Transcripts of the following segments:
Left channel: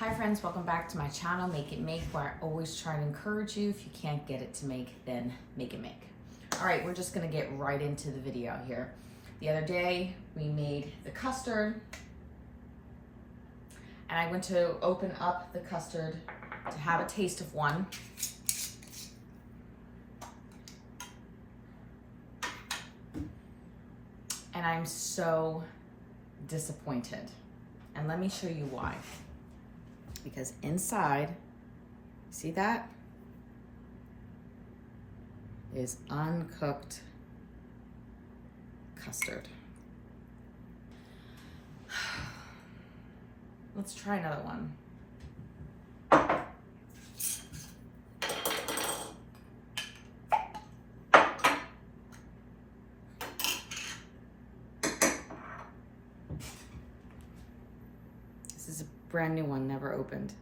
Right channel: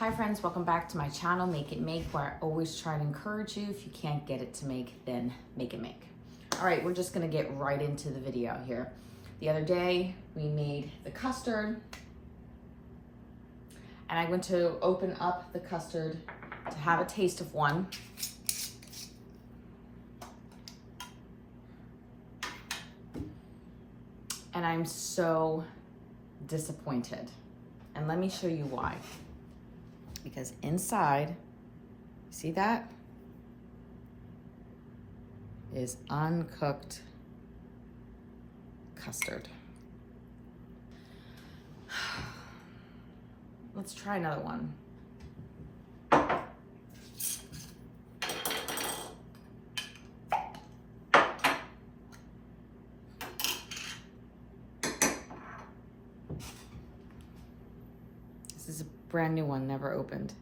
Hi friends, welcome back to my channel, Make It Make, where I always try to encourage you. If you can't get it to make, then make it make. All right, we're just gonna get right into the video here. The other day, we made the custard, and I went to open up the custard to have a taste of one. And I'm so disappointed. And let me show you why. Because inside, see that? Is uncooked custard. Let's try another one. This is a brand new one, never opened.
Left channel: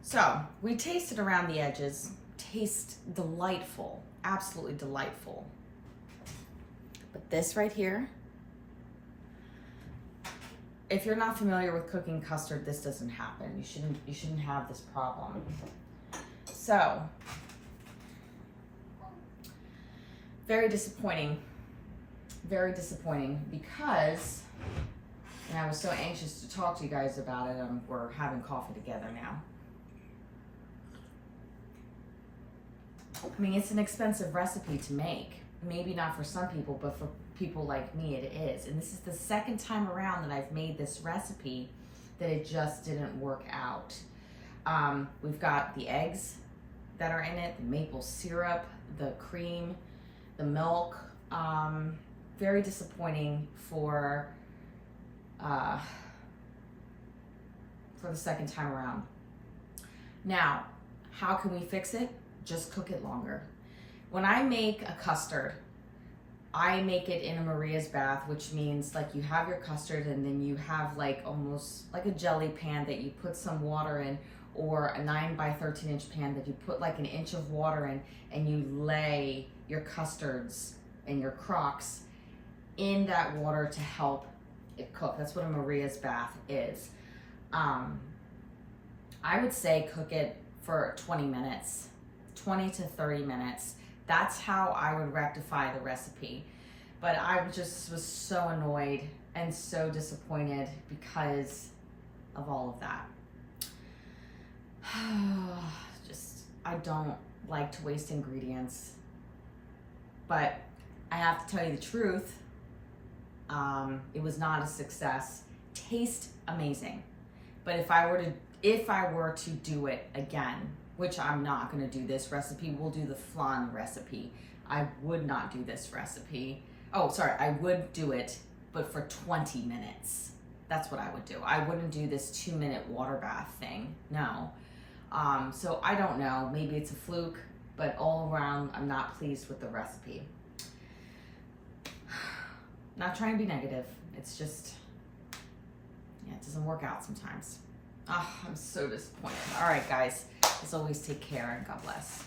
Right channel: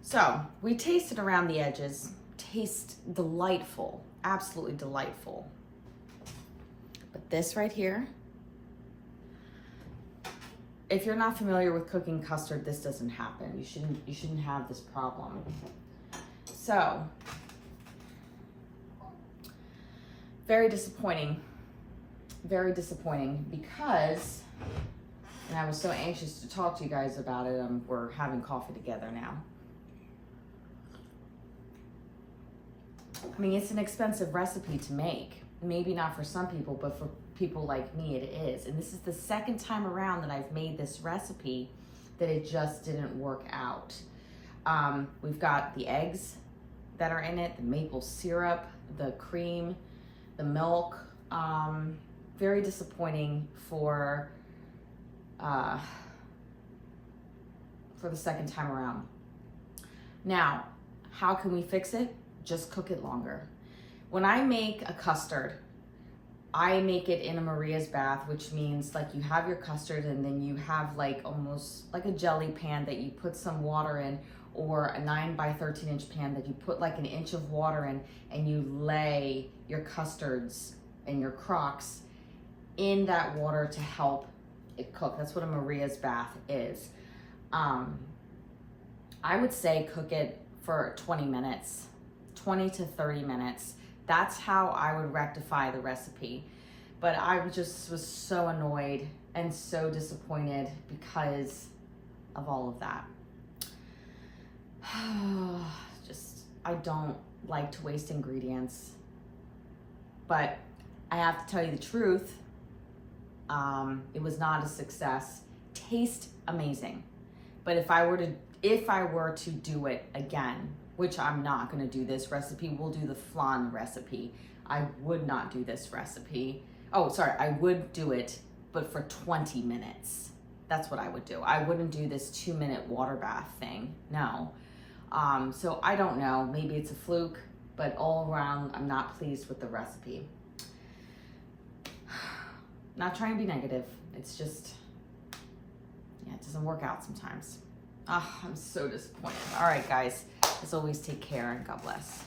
So we tasted around the edges, taste delightful, absolutely delightful. But this right here, if you're not familiar with cooking custard, this doesn't happen. You shouldn't have this problem. So, very disappointing because, and I was so anxious to talk to you guys about it. We're having coffee together now. I mean, it's an expensive recipe to make. Maybe not for some people, but for people like me, it is. And this is the second time around that I've made this recipe that it just didn't work out. We've got the eggs that are in it, the maple syrup, the cream, the milk. Very disappointing for the second time around. Now, how can we fix it? Just cook it longer. When I make a custard, I make it in a Maria's bath, which means like you have your custard and then you have like almost like a jelly pan that you put some water in, or a 9 by 13 inch pan that you put like an inch of water in, and you lay your custards and your crocks in that water to help it cook. That's what a Maria's bath is. I would say cook it for 20 minutes. 20 to 30 minutes. That's how I would rectify the recipe. But I just was so annoyed and so disappointed because of all of that. I don't like to waste ingredients. But I have to tell you the truth, it was not a success. Taste amazing. But if I were to do it again, which I'm not gonna do this recipe, we'll do the flan recipe. I would not do this recipe. Oh, sorry, I would do it, but for 20 minutes. That's what I would do. I wouldn't do this 2-minute water bath thing, no. So I don't know, maybe it's a fluke, but all around, I'm not pleased with the recipe. Not trying to be negative, it's just, yeah, it doesn't work out sometimes. Oh, I'm so disappointed. All right, guys. As always, take care and God bless.